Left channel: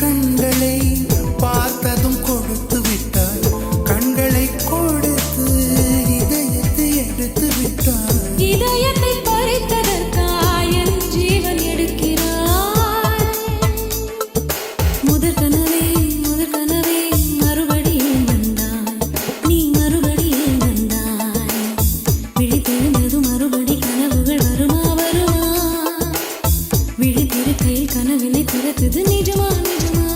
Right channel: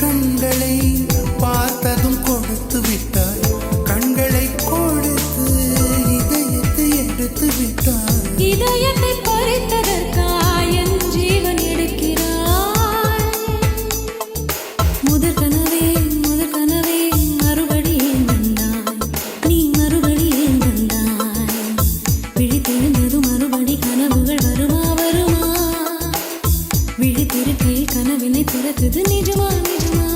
கண்களை பார்த்ததும் கொடுத்து விட்டாய், கண்களை கொடுத்து இதயத்தை எடுத்து விட்டாய். இதயத்தை பறித்ததற்காய் என் ஜீவன் எடுக்கிறாய். முதற் கனவே மறுபடியும் தந்தாய், நீ மறுபடியும் தந்தாய். விழித்தெழுந்ததும் மறுபடி கனவுகள் வருமா வருமா? விழித்திருக்கையில் கனவினை பிறத்தது நிஜமா நிஜமா?